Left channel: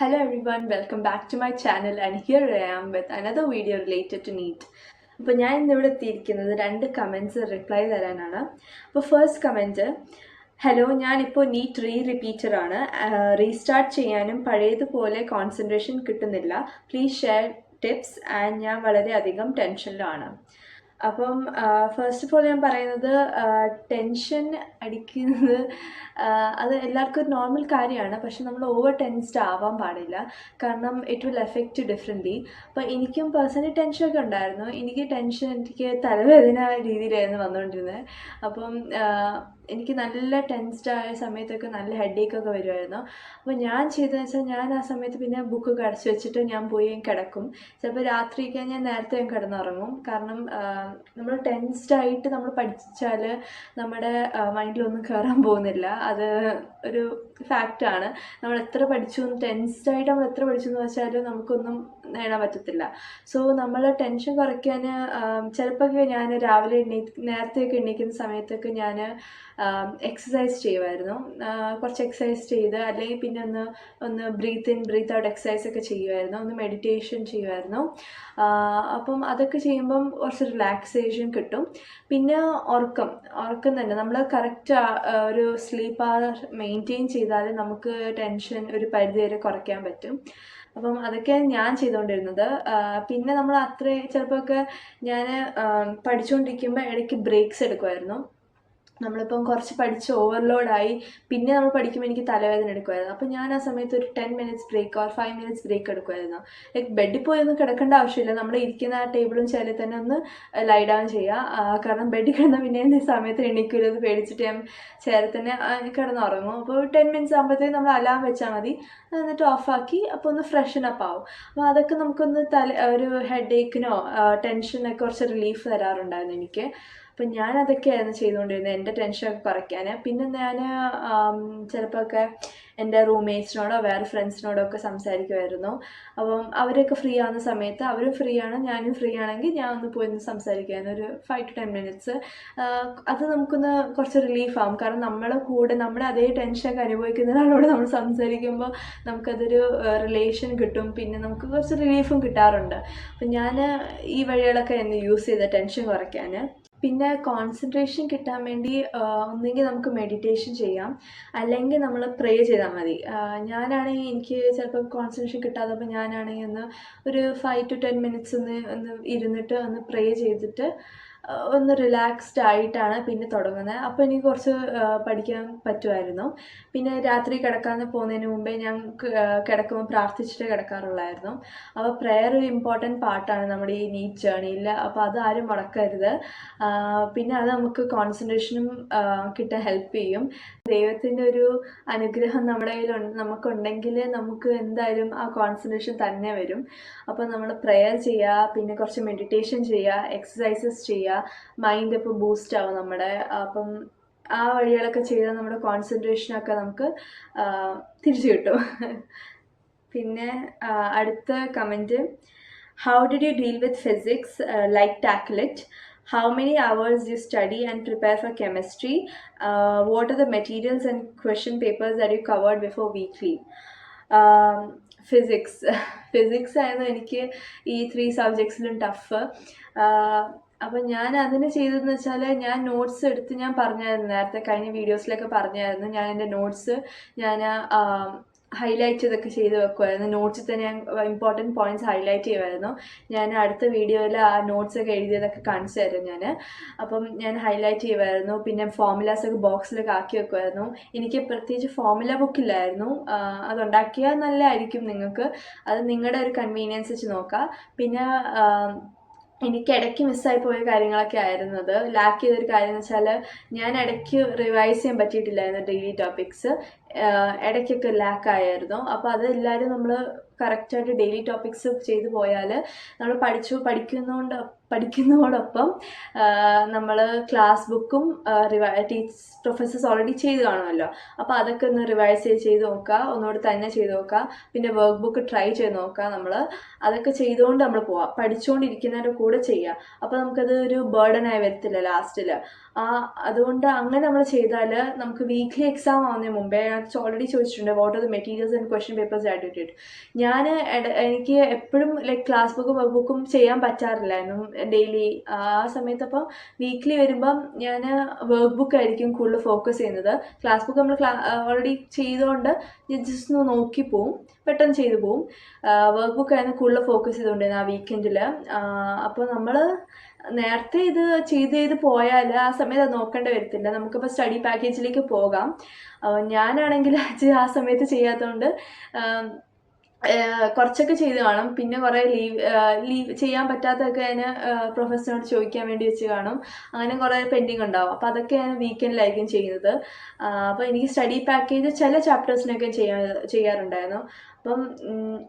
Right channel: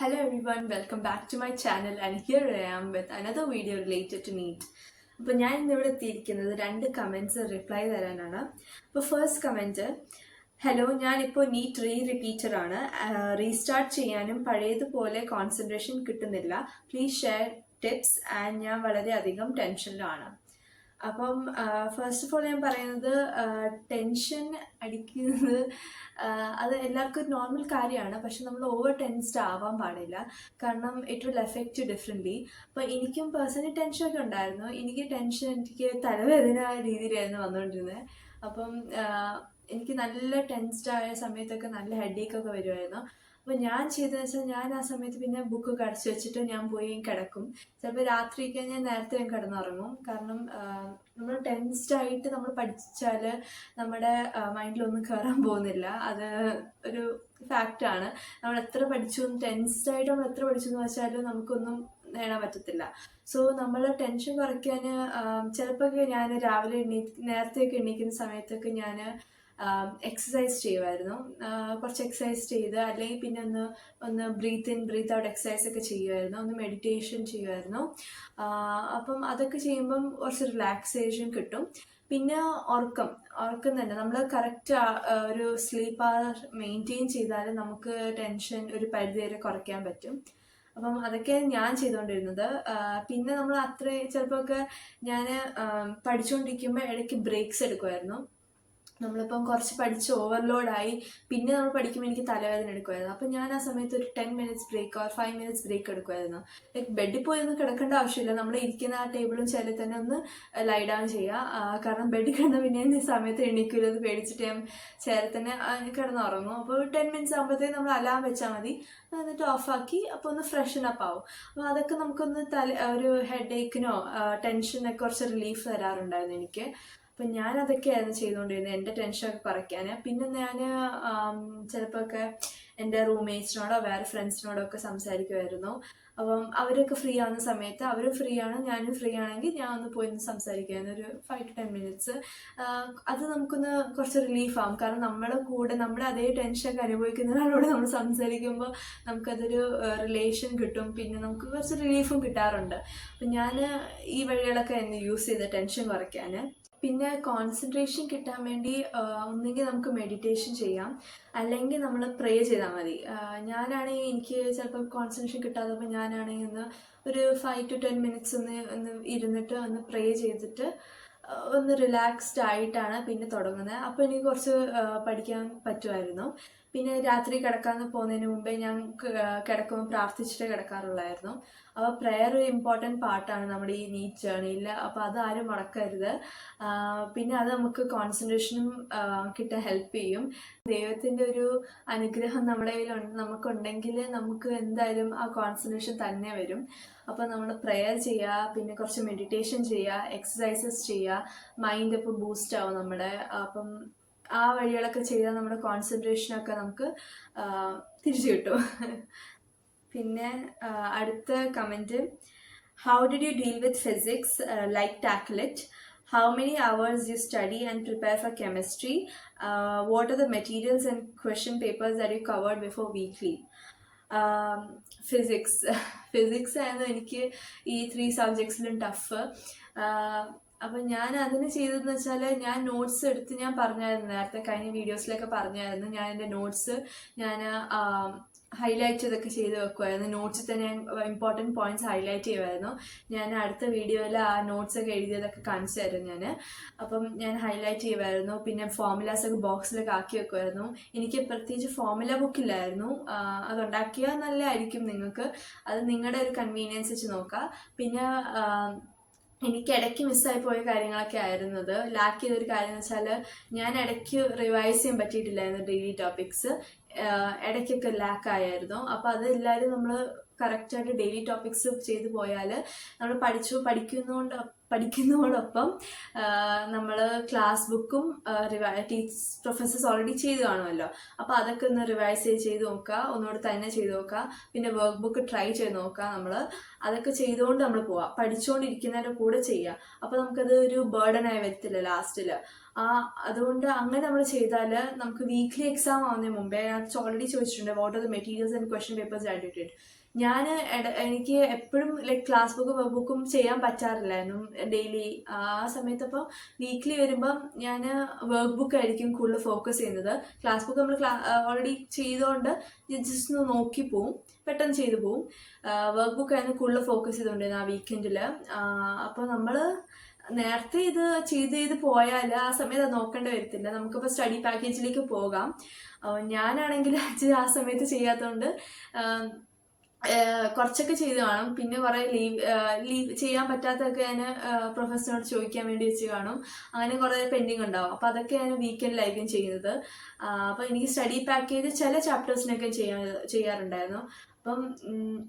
Hello everyone, welcome back to my channel and here I am with another video related to NEET. അപ്പോൾ ഞാൻ ഇന്നിവിടെ എത്തിയിരിക്കുന്നത് 2 comments reply തരാനാണ്. അപ്പോൾ first comment, hello, ഞാനിപ്പോൾ NEET റിപ്പീറ്ററാണ്. റീസ്റ്റാർട്ട് ചെയ്യാനും പഴയതുപോലെ കോൺസെൻട്രേഷൻ കിട്ടുന്നില്ല. പ്ലീസ് ഷെയർ ടിപ്സ് ആൻഡ് ഞാൻ വളരെയധികം ടെൻഷനിലാണ്. അപ്പം ഫസ്റ്റ് ഓഫ് ഓൾ ഞാൻ പറയുന്നത്, ടെൻഷൻ അടിക്കുന്നത് അത് എല്ലാവർക്കും ഒരു നോർമൽ കാര്യമാണ്. പക്ഷെ നമ്മൾ ഓവർ ടെൻസ്ഡ് ആവാൻ പാടില്ല, കാരണം ഇറ്റ് വിൽ എഫക്റ്റ് ഡിഫറെൻ്റ്ലി. അപ്പോൾ എനിക്കും പേഴ്സണലി ടെൻഷനൊക്കെ ഉണ്ടായിരുന്നു. എനിക്ക് തലവേദന രീതിയിലായിരുന്നു വന്നുകൊണ്ടിരുന്നത്. അപ്പം എനിക്ക് നല്ല ടെൻസ്ഡ് ആയ സമയത്തൊക്കെ നല്ല ഹെഡേക്കൊക്കെ വരുമായിരുന്നു. അപ്പോൾ ഞാൻ ചെയ്തതെന്ന് വെച്ചാൽ, ഞാൻ ആ സമയത്ത് പിന്നെ ബുക്കൊക്കെ അടച്ചു വെച്ചിട്ട് ഞാൻ പോയി കിടക്കും. ചിലപ്പോൾ രാത്രിയൊക്കെ ഞാൻ നേരത്തെ കിടന്നുറങ്ങും. കാരണം നമ്മൾ ടെൻസ്ഡായിട്ട് നമ്മൾ പഠിച്ചാൽ നമ്മുടെ മൈൻഡിലൊന്നും കയറാൻ പോകുന്നില്ല. അത് ഒരു ഫാക്റ്റാണ്. നമ്മൾ എത്ര ടെൻസ്ഡായിട്ട് നമ്മൾ എത്ര പഠിച്ചു എന്ന് വെച്ചാൽ നമുക്കൊന്നും നേടാൻ പറ്റത്തില്ല. സോ നമ്മൾ ടെൻഷൻ കുറയ്ക്കാൻ ചിലപ്പോൾ ഞാൻ രാവിലെ നേരത്തെയൊക്കെ എണീക്കുന്ന സമയത്തൊക്കെ ഞാൻ എക്സസൈസ് ചെയ്യുമായിരുന്നു. കുറച്ച് എക്സസൈസ് ചെയ്ത്, അല്ലെങ്കിൽ പിന്നെ ഒന്ന് breathe in breathe out exercise ഒക്കെ ചെയ്യുമായിരുന്നു. ഒന്ന് മെഡിറ്റേഷൻ ചെയ്യുമായിരുന്നു. അപ്പം അതൊക്കെ ചെയ്യുമ്പം കുറച്ച് റിലാക്സേഷൻ കിട്ടും. പിന്നെ ഉറക്കം തന്നെ നമ്മൾ കറക്റ്റ് ഒരു സ്ലീപ്പ് അവർ മെയിൻറ്റെയിൻ ചെയ്താൽ നമുക്ക് ടെൻഷൻ ഒരു പരിധിവരെ കുറയ്ക്കാൻ പറ്റും. അപ്പം അതൊക്കെയാണ് ഞാൻ ചെയ്തുകൊണ്ടിരുന്നത്. പിന്നെ നമ്മൾ ചിലപ്പോൾ ഞാൻ പഠിച്ചുകൊണ്ടിരിക്കുമ്പോൾ ഇടയ്ക്ക് ബ്രേക്സ് എടുക്കുമായിരുന്നു. നമ്മളിപ്പം കുറച്ച് പഠിച്ച് ഓവർലോഡായി പിന്നെ നമ്മൾ പഠിക്കുമ്പോൾ എനിക്ക് തലവേദന എടുക്കുമായിരുന്നു. അപ്പോൾ ഞാൻ ആ സമയത്ത് ഒരു 10 minutes break or 5 minutes break എടുക്കുമായിരുന്നു. ലൈക്ക് ബെഡിൽ പോയി ഒന്നും കിടക്കേണ്ട ആവശ്യമില്ല. നമ്മൾ ഇരിക്കുന്ന ആ ടേബിളും ചെയറിൽ തന്നെ ഒന്ന് ലൈ ഡൗൺ ചെയ്യുക. കാരണം ബെഡിൽ കിടന്ന പിന്നെ ഈ സമയത്ത് എണീക്കരുത് പേടിച്ചിട്ട് ഞാൻ ചെയറിൽ തന്നെ കിടന്നുറങ്ങും. അപ്പോൾ 10 മിനിറ്റ്സ് ആകുമ്പോഴത്തേക്കും നമ്മൾ അലാം വെച്ചാൽ മതി. എന്നിട്ട് ഓഫാക്കി അപ്പോൾ ഒന്ന് ഫ്രഷൻ അപ്പ് ആവും. അപ്പോൾ അതൊക്കെ നമുക്കൊന്ന് ഒരു ഹെഡേക്കിനോ ടെൻഷനൊക്കെ കുറച്ച് റിലീഫ് തരാറുണ്ടായിരുന്നു എനിക്ക്. അപ്പം ഞാൻ അതൊക്കെയായിരുന്നു ചെയ്തുകൊണ്ടിരുന്നത് എൻ്റെ ടെൻഷനൊക്കെ കുറയ്ക്കാൻ. പിന്നെ ഞാൻ ചിലപ്പോൾ എൻ്റെ റൂംമേറ്റ്സിനോടോ വേറെ ഫ്രണ്ട്സിനോടോ ഒക്കെ സംസാരിക്കുമായിരുന്നു. അപ്പം അവരൊക്കെ ഫ്രീ ആവുന്ന സമയത്ത് അവരും ഫ്രീ ആണ്, ഞാനും ഫ്രീ ആണെങ്കിൽ ഞാൻ ഒന്ന് പോയി സംസാരിക്കുമായിരുന്നു. ഒരു 5 to 10 മിനിറ്റ്സ്. അത് നമുക്കൊന്ന് കുറച്ച് റിലീഫാകും. കാരണം നമ്മുടെ അതേ ടെൻഷനൊക്കെ അനുഭവിക്കുന്ന ഒരാളോട് നമ്മൾ സംസാരിക്കുമ്പോൾ നമുക്കതൊരു റിലേഷൻ കിട്ടും. പിന്നെ നമുക്ക് കുറച്ച് റിലീഫും കിട്ടാറുണ്ട്. അപ്പം ഞാൻ ഈ വഴികളൊക്കെ യൂസ് ചെയ്ത ടെൻഷൻ കുറയ്ക്കാൻ. പിന്നെ കോൺസെൻട്രേഷൻ കിട്ടാൻ വേണ്ടി ഒന്നെങ്കിൽ നമുക്ക് മെഡിറ്റേഷൻ ചെയ്യാം, അല്ലെങ്കിൽ നമ്മൾ പ്രേ ചെയ്താൽ മതി. ഞാനാണെങ്കിൽ എനിക്ക് ചിലപ്പോൾ കോൺസെൻട്രേഷൻ കിട്ടാത്തപ്പോൾ ഞാനാണെങ്കിൽ ഒരു 5 to 10 മിനിറ്റ്സ് ഒന്ന് ഇരുന്നിട്ട് ഒന്ന് പ്രേ ചെയ്തിട്ട് ഒന്ന് റിലാക്സ്ഡ് ആയിട്ടാണ് പിന്നെ തുടങ്ങുന്നത്. അപ്പോൾ എനിക്ക് കുറച്ച് പഠിക്കാൻ പറ്റുമായിരുന്നു. പിന്നെ രാത്രി കിടക്കാൻ പോകുന്നതിന് മുമ്പേ ഞാൻ കിടക്കുമ്പോൾ പ്രാർത്ഥിച്ചിട്ട് കിടക്കാറുള്ളായിരുന്നു. അപ്പോൾ പ്രെയർ ഒരു ഇമ്പോർട്ടൻറ്റ് പാർട്ടാണ് നമ്മുടെ ഈ നീറ്റ് ജേർണിയിൽ. അപ്പോൾ അത് ആരും മുടക്കരുത്. പിന്നെ അത് നമുക്ക് കോൺസെൻട്രേഷനും കിട്ടാൻ ഹെൽപ്പ് ചെയ്യും. ദൈവത്തിൻ്റെ ഒരു അനുഗ്രഹം നമ്മുടെ നമുക്കുണ്ടെങ്കിൽ നമുക്ക് എന്തായാലും ആ കോൺസെൻട്രേഷൻ തന്നെ വരും. അപ്പോൾ നമ്മൾ പ്രെയർ ചെയ്യുക, പിന്നെ കുറച്ച് മെഡിറ്റേഷൻ ചെയ്യുക, എക്സസൈസസ് ചെയ്യുക. മൈൻഡ് ഇപ്പോൾ ബൂസ്റ്റ് ആവും നമ്മുടെ. അപ്പം ആ വഴികളൊക്കെ ചെയ്താൽ നമ്മുടെ കോൺസെൻട്രേഷനൊക്കെ നമുക്ക് തിരിച്ചു കിട്ടും. പിന്നെ അടുത്ത comment, how did you deal with physics, like tackle it? How many hours you study and prepare for chemistry? What are the materials and question papers that you covered before weekly? Physics ആയിരുന്നു എനിക്ക് ഈ 3 സബ്ജക്ട്സിലും tough. അപ്പം ഞാൻ അതിന് ചെയ്തതെന്ന് വെച്ചാൽ, ഞാൻ notes എടുത്ത് ഞാൻ പറഞ്ഞായിരുന്നു, നേരത്തെ കഴിഞ്ഞ വീഡിയോസിലൊക്കെ പറഞ്ഞായിരുന്നു, ഞാൻ എൻ്റെ നോട്ട്സ് ഹൈലൈറ്റ് ചെയ്തൊക്കെ ചെയ്ത് വെക്കുമായിരുന്നു. നോട്ട്സിൽ തന്നെ ഞാൻ ഇമ്പോർട്ടൻറ്റ് പോയിൻറ്റ്സ് ഹൈലൈറ്റ് ചെയ്യുമായിരുന്നു. ഞാൻ അടുത്ത വീഡിയോയിൽ ആ നോട്ട്സൊക്കെ എഴുതിയതൊക്കെ കാണിച്ചു തരും ഞാൻ. അപ്പം ഞാൻ ഹൈലൈറ്റ് ചെയ്യുമായിരുന്നു. പിന്നെ ഫോർമുലാസൊക്കെ ബോക്സിലൊക്കെ ആക്കി വെക്കുമായിരുന്നു. എനിക്ക് പ്രത്യേകിച്ച് ഫോർമുല ബുക്കില്ലായിരുന്നു. അതുണ്ടാക്കിയാൽ നല്ലതായിരിക്കും നിങ്ങൾക്ക്. അത് നിങ്ങളുടെ ഒരു കൺവീനിയൻസ് വെച്ച് നോക്കുക. പിന്നെ എനിക്ക് ഇടയ്ക്ക് മിസ്സായി പോയ കാര്യങ്ങളൊക്കെ ആയിരുന്നു അത്. ലാക്ക് ചെയ്തൊരു കാര്യം എന്ന് വെച്ചാൽ, ഞാൻ ഇടയ്ക്ക് റിവൈസ് ചെയ്യാൻ പറ്റിയിട്ടില്ലായിരുന്നു ഡെയിലി ടോപ്പിക്സ്. ഇടയ്ക്കൊക്കെ ലാക്കായിരുന്നു. അപ്പോൾ അത് എല്ലാവരും നമ്മൾ കറക്റ്റായിട്ട് ഡെയിലി ടോപ്പിക്സ് ചെയ്തു പോയാൽ നമ്മൾ പഠിക്കുന്നതോടൊപ്പം നമ്മൾ ക്ലാസ് ബുക്കും പ്രൊഫസേഴ്സ് ഓൾറെഡി ചെയ്ത് കാണുമല്ലോ. അപ്പോൾ അതൊക്കെ ഒന്ന് റിവൈസ് ചെയ്ത് നോക്കുക, ഒന്നുകൂടി തന്നെ ചെയ്ത് നോക്കുക. പിന്നെ വർക്ക് ബുക്ക് ട്രൈ ചെയ്ത് നോക്കുക. നമ്മൾ അതൊക്കെ ചെയ്തുകൊണ്ട് നമ്മൾ പോവാം, പഠിച്ചുകൊണ്ടിരിക്കുന്നതിൻ്റെ കൂടെ ചെയ്യുക. അപ്പോൾ നമുക്കത് ഒരു ബേർഡനായി വരത്തില്ല ലാസ്റ്റിൽ. അതുകൊണ്ട് അങ്ങനെ നമ്മൾ ചെയ്താൽ നമുക്ക് വീക്ക്ലി എക്സാം ആവുന്നതിന് മുമ്പേ ഞാൻ ഓൾറെഡി ചോദിച്ചിട്ടുണ്ട് what are the materials and question papers audited. ഞാൻ എനിക്ക് എപ്പോഴും ലൈക്ക് ക്ലാസ് ബുക്കും വർക്ക് ബുക്കും ചെയ്യാൻ പറ്റാറില്ലായിരുന്നു ഡെയിലി ആ സമയത്ത്. അപ്പം വീക്ക്ലി വരുമ്പം ഞാൻ വർക്ക് ബുക്ക് ആയിരിക്കും കൂടുതൽ ഫോക്കസ് ചെയ്യുന്നത്. ക്ലാസ് ബുക്ക് നമ്മൾ ഓൾറെഡി ചെയ്തുകൊണ്ട് ജസ്റ്റ് ഒന്ന് നോക്കി പോവും, പെട്ടെന്ന് ചെയ്തു പോവും. വർക്ക് ബുക്ക് ആയിരുന്നു കൂടുതൽ ഫോക്കസ് ചെയ്തുകൊണ്ടിരുന്നത് ആ വീക്കെൻഡിൽ. അപ്പോൾ നമ്മൾ നേരത്തെ ഇത് ചെയ്ത് പോയാൽ ആ സമയത്ത് അത് നോക്കേണ്ടി വരത്തില്ല. നമുക്കിപ്പോൾ സ്റ്റഡി പാക്കേജിലേക്ക് പോകാം. ഞാനാണെങ്കിൽ ആ സമയത്ത് ചെയ്യാത്തതുകൊണ്ട് കുറച്ചൊക്കെ ചെയ്ത് കാണും. പിന്നെ കുറേ ലീവ് ചെയ്യാൻ പറ്റാത്തതൊക്കെ ഞാൻ പ്രൊഫസറിനോട് ചോദിക്കാൻ വേണ്ടി വെച്ച് കാണും. അങ്ങനെ കുറേ പെൻഡിങ് ഉണ്ടാവും. അപ്പോൾ അതൊക്കെ ഞാൻ വീക്കെൻഡിലായിരിക്കും ചെയ്യുന്നത്. അപ്പോൾ എനിക്ക് സ്റ്റഡി പാക്കേജ് ചില ചാപ്റ്റേഴ്സിനൊക്കെ ചെയ്യാറുണ്ടായിരുന്നു. അപ്പം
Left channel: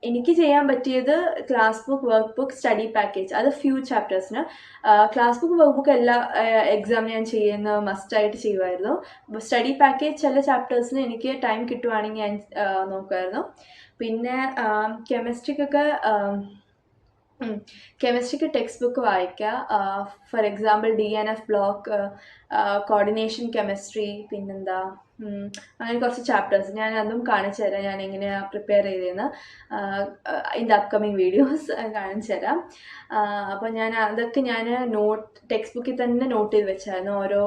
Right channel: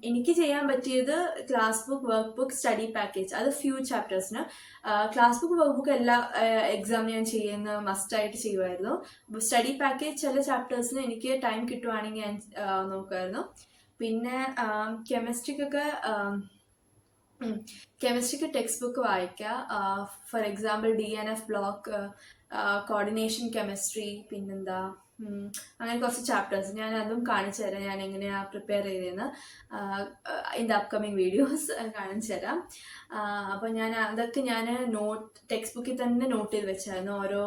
എനിക്ക് ചെയ്യാൻ പറ്റിയത് class book, work book, study package, അത് ഫ്യൂ ചാപ്റ്റേഴ്സിന്. ക്ലാസ് ബുക്ക്, വർക്ക് ബുക്ക് എല്ലാ എക്സാമിന് ഞാൻ ചെയ്യുന്ന മസ്റ്റായിട്ട് ചെയ്യുമായിരുന്നു. സ്റ്റഡി പാക്കേജ് ചില ചാപ്റ്റേഴ്സിന് എനിക്ക് ടൈം കിട്ടുവാണെങ്കിൽ ഞാൻ നോക്കുമായിരുന്നു. പിന്നെ കെമിസ്ട്രിക്ക് ടെക്സ്റ്റ് ബുക്ക് വായിക്കുക. For example DNF block, coordination chemistry, പിന്നെന്താ അങ്ങനെ കുറച്ച് ചാപ്റ്റേഴ്സ് ഞാൻ അതും കാണിച്ചു തരാം. ഞാൻ എങ്ങനെയാണ് പ്രിപ്പയർ ചെയ്തതെന്ന് ഇൻ ദ അപ്കമിങ് വീഡിയോസ് കാണിച്ചു തരാം. അപ്പോൾ അതൊക്കെ ഞാൻ ടെക്സ്റ്റ് ബുക്കിൽ തന്നെ നോട്ട് ചെയ്ത് വെച്ചായിരുന്നു, ഓരോ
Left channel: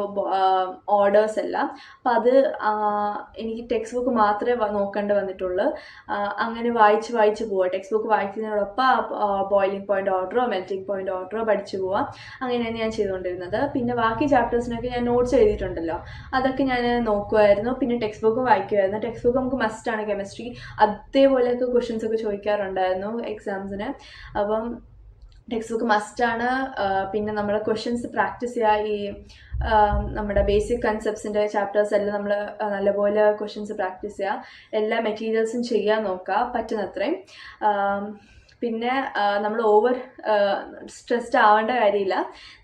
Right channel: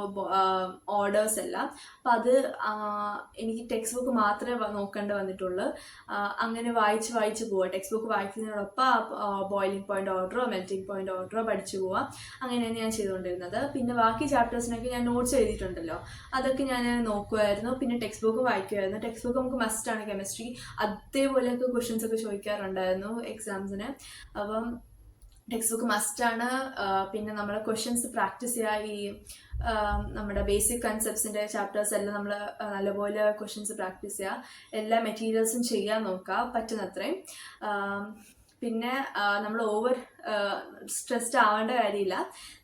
ഓർഡേഴ്സ് എല്ലാം. അപ്പോൾ അത് എനിക്ക് ടെക്സ്റ്റ് ബുക്ക് മാത്രമേ നോക്കേണ്ടി വന്നിട്ടുള്ളൂ. അങ്ങനെ വായിച്ച് പോവുക. ടെക്സ്റ്റ് ബുക്ക് വായിക്കുന്നതിനോടൊപ്പം ബോയിലിംഗ് പോയിന്റ് ഓർഡറോ മെൽറ്റിംഗ് പോയിന്റ് ഓർഡറോ പഠിച്ചു പോവാം. അങ്ങനെയാണ് ഞാൻ ചെയ്തുകൊണ്ടിരുന്നത്. പിന്നെ ബാക്കി ചാപ്റ്റേഴ്സിനൊക്കെ ഞാൻ നോട്ട്സ് എഴുതിയിട്ടുണ്ടല്ലോ, അതൊക്കെ ഞാൻ നോക്കുമായിരുന്നു. പിന്നെ ടെക്സ്റ്റ് ബുക്കും വായിക്കുമായിരുന്നു. ടെക്സ്റ്റ് ബുക്ക് നമുക്ക് മസ്റ്റാണ്. കെമിസ്ട്രി അതേപോലെയൊക്കെ ക്വസ്റ്റ്യൻസ് ഒക്കെ ചോദിക്കാറുണ്ടായിരുന്നു എക്സാംസിന്. അപ്പം ടെക്സ്റ്റ് ബുക്ക് മസ്റ്റാണ്. പിന്നെ നമ്മൾ ക്വസ്റ്റ്യൻസ് പ്രാക്ടീസ് ചെയ്യുക. ഈ നമ്മുടെ ബേസിക് കൺസെപ്റ്റ്സിൻ്റെ ചാപ്റ്റേഴ്സ് എല്ലാം നമ്മൾ നല്ലപോലെ ക്വസ്റ്റ്യൻസ് പ്രാക്ടീസ് ചെയ്യുക. എല്ലാ മെറ്റീരിയൽസും ചെയ്യാൻ നോക്കുക പറ്റുന്നത്രയും. പിന്നെ നമ്മൾ ഓവർ സ്ട്രെസ്ഡ് ആവേണ്ട കാര്യമില്ല.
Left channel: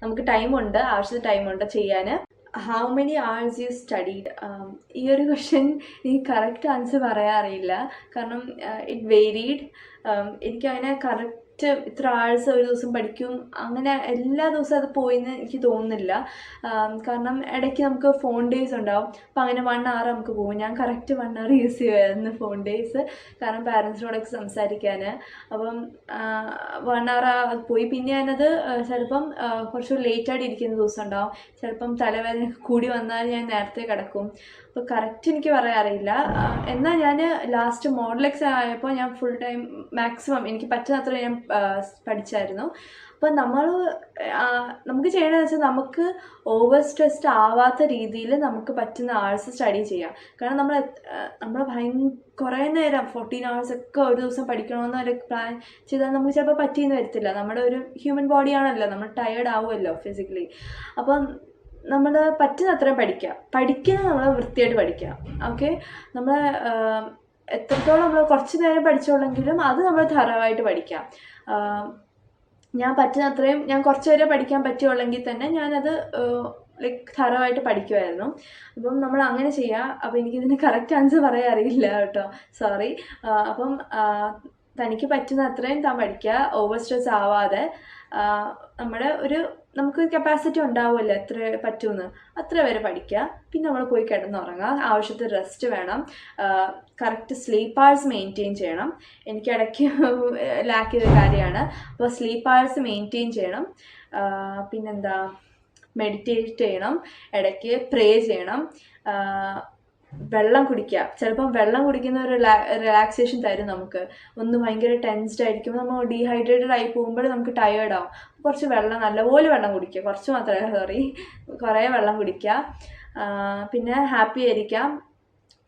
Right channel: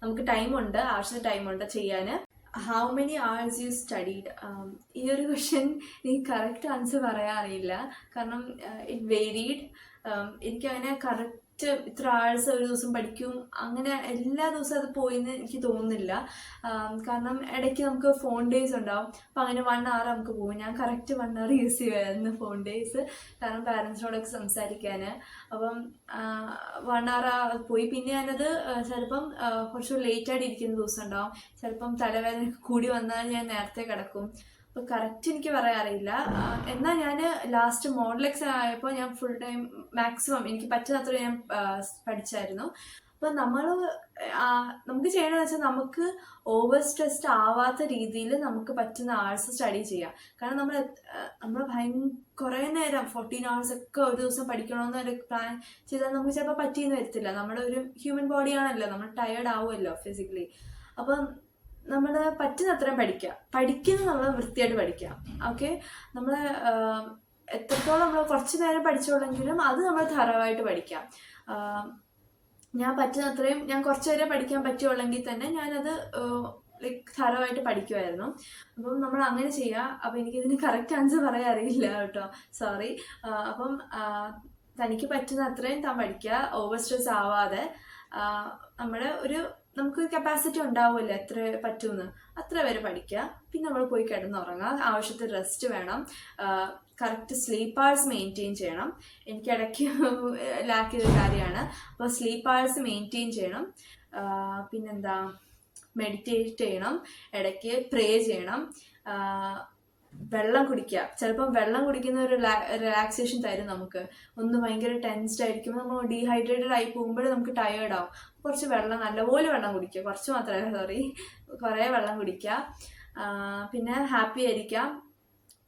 നമുക്ക് ടൈമുണ്ട്, ആവശ്യത്തിന് ടൈമുണ്ട് ചെയ്യാൻ. How many hours you studied? ഈ ഒരു ക്വസ്റ്റ്യൻ എനിക്ക് കറക്റ്റ് ആൻസർ പറയാൻ അറിയില്ല. കാരണം ഇറ്റ് വേരീഡ്. എനിക്കങ്ങനെ കറക്റ്റ് ഇത്ര hours ഒരു ദിവസം പഠിക്കും അങ്ങനെ എല്ലാ ദിവസവും അത് പോയിന്ന് എനിക്ക് തോന്നുന്നില്ല. കാരണം ഇടയ്ക്ക് നമുക്ക് ഫോൺ ഡേയ്സ് ഉണ്ടാവും. അപ്പം അങ്ങനെ 1 hour നമുക്ക് പോകും. ഞാൻ കറക്റ്റ് 1 hour യൂസ് ചെയ്യുമായിരുന്നു ഫോൺ ഡേയ്സ്, കാരണം പാരൻസിനോടൊക്കെ സംസാരിക്കാൻ. അപ്പം 1 hour പോയി. പിന്നെ ഞാനത് ചിലപ്പം കുറച്ച് ലേറ്റായിട്ട് ഇരിക്കുന്ന ദിവസം ഉണ്ടാവും. ചിലപ്പം തലവേദന കൂടി വന്നാൽ ഞാൻ നേരത്തെ കിടക്കും. അപ്പോൾ കറക്റ്റ് എനിക്ക് പറയാൻ അറിയില്ല. എന്നാൽ ഞാൻ ലാസ്റ്റ് മോഡൽ എക്സാം ആയപ്പോൾ ഞാൻ ഫുൾ ടൈം മാക്സിമം എനിക്ക് പറ്റുന്നത്ര ഞാൻ പഠിച്ചായിരുന്നു. അപ്പോൾ നമുക്ക് ചെയ്യേണ്ടതെന്ന് വെച്ചാൽ നമുക്ക് ഓവർ സ്ട്രെസ്ഡ് ആവാത്ത രീതിയിൽ നമുക്ക് പറ്റുന്ന ആഴ്സ് സ്റ്റഡി ചെയ്യാം. കാരണം നമ്മൾ കുറേ നേരം 14 hours ഒക്കെ ഒരു ദിവസം പഠിക്കണമെന്ന് ഒരു പ്ലാൻ ചെയ്താൽ നമുക്ക് ചിലപ്പോൾ പറ്റിയെന്ന് വരത്തില്ല. നമ്മുടെ ഒരു ഹ്യൂമൻ ബോഡിയാണല്ലോ, നമ്മൾ ടയേർഡ് ആവുമല്ലോ ഫിസിക്കലി. അപ്പം നമ്മൾ പറ്റുന്ന അത്രയും പഠിക്കുന്നത് നമ്മൾ വൃത്തിയായിട്ട് പഠിക്കുക. ഓക്കെ, നമ്മൾ എത്രത്തോളം നമ്മൾ കുറച്ച് നേരം പഠിച്ചോളെങ്കിലും അത് നമ്മൾ ധാരാളമായിട്ട് പഠിക്കാം. ഞാൻ പറ്റുന്ന അത്രയും ഞാൻ കുറച്ച് നേരം പഠിക്കാൻ പറ്റുള്ളെങ്കിൽ തന്നെ ഞാനത് ലൈക്ക് ധാരാളമായിട്ട് പഠിക്കുമായിരുന്നു. അപ്പം നമ്മൾ അങ്ങനെ ചെയ്യുക. അപ്പോൾ എനിക്കിതിന് കറക്റ്റ് ആൻസർ പറയാൻ അറിയില്ല കേട്ടോ, സോറി. അപ്പം തനിക്ക് പറ്റുന്ന അത്രയും താൻ പഠിക്കുക, ഓവർ സ്ട്രെസ് ആവാതെ. നമുക്ക് കപ്പാസിറ്റി ഉണ്ടാവുമല്ലോ എത്ര പറ്റുമെന്ന്, അത്ര വരെ പഠിക്കുക. പിന്നെ നമ്മൾ പോയി കിടന്നുറങ്ങുക. ആവശ്യത്തിന് റെസ്റ്റ് വേണം. കറക്റ്റ് സ്ലീപ്പ് hours മെയിൻറ്റെയിൻ ചെയ്യണം. എനിക്ക് ഇടയ്ക്ക് ലാക്ക് ചെയ്ത കാര്യമാണ്. അപ്പോൾ സ്ലീപ്പ് hours മെയിൻറ്റെയിൻ ചെയ്യണം. പിന്നെന്താ, മെഡിറ്റേറ്റ് ചെയ്യണം, ഇടയ്ക്ക് പ്രേ ചെയ്യണം, വെള്ളം കുടിക്കുക. ചിലപ്പം വെള്ളം കുടിക്കുന്ന ഒരു റിലാക്സേഷൻ തരും നമുക്ക്. ഒന്ന് ഭയങ്കര ടെൻസ്ഡ് ആയിരിക്കുമ്പോൾ നമ്മൾ ഡീഹൈഡ്രേറ്റഡ് ആയി പോകുമ്പോൾ നമുക്ക് ടയേർഡ് ആവും. കുറച്ച് നല്ലപോലെ വെള്ളം കുടിക്കുക. കുറച്ച് മാത്രമേ കുറേ വെള്ളം കുടിക്കുക. പിന്നെ ഹാപ്പി ആയിരിക്കാം.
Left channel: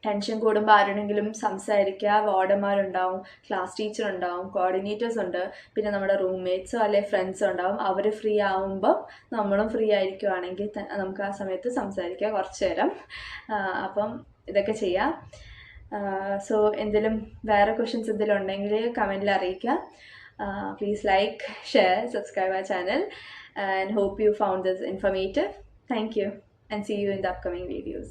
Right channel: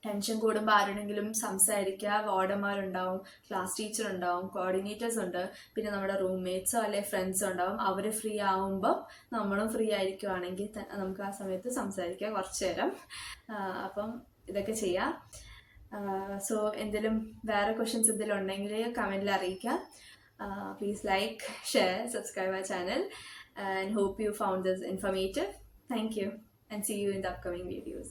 ടെൻഷൻ കൂടുമ്പോൾ ആരോടെങ്കിലും സംസാരിക്കുക. വാർഡന്മാരുണ്ടാവും, ക്ലാസ് ടീച്ചർ ഉണ്ടാവും, കോർഡിനേറ്റേഴ്സ് ഉണ്ട്, പിന്നെ നമ്മുടെ റൂംമേറ്റ്സോ അല്ലെങ്കിൽ ഫ്രണ്ട്സോ ഉണ്ടാവും. അവർ ഫ്രീ ആവുമ്പം നമ്മളും ഫ്രീ ആയിരിക്കുവാണെങ്കിൽ നമുക്ക് ആ സമയത്ത് സംസാരിക്കുക കുറച്ച് നേരം. അപ്പം ഇതൊക്കെ ചെയ്യാം. സോ എന്തെങ്കിലും വേറെ ക്വസ്റ്റ്യൻസ് എന്തെങ്കിലും ഉണ്ടെങ്കിൽ കമൻറ്റിൽ അറിയിക്കുക. Please like, share, subscribe our channel, and hope you found this informative. Thank you, and see you in the upcoming videos.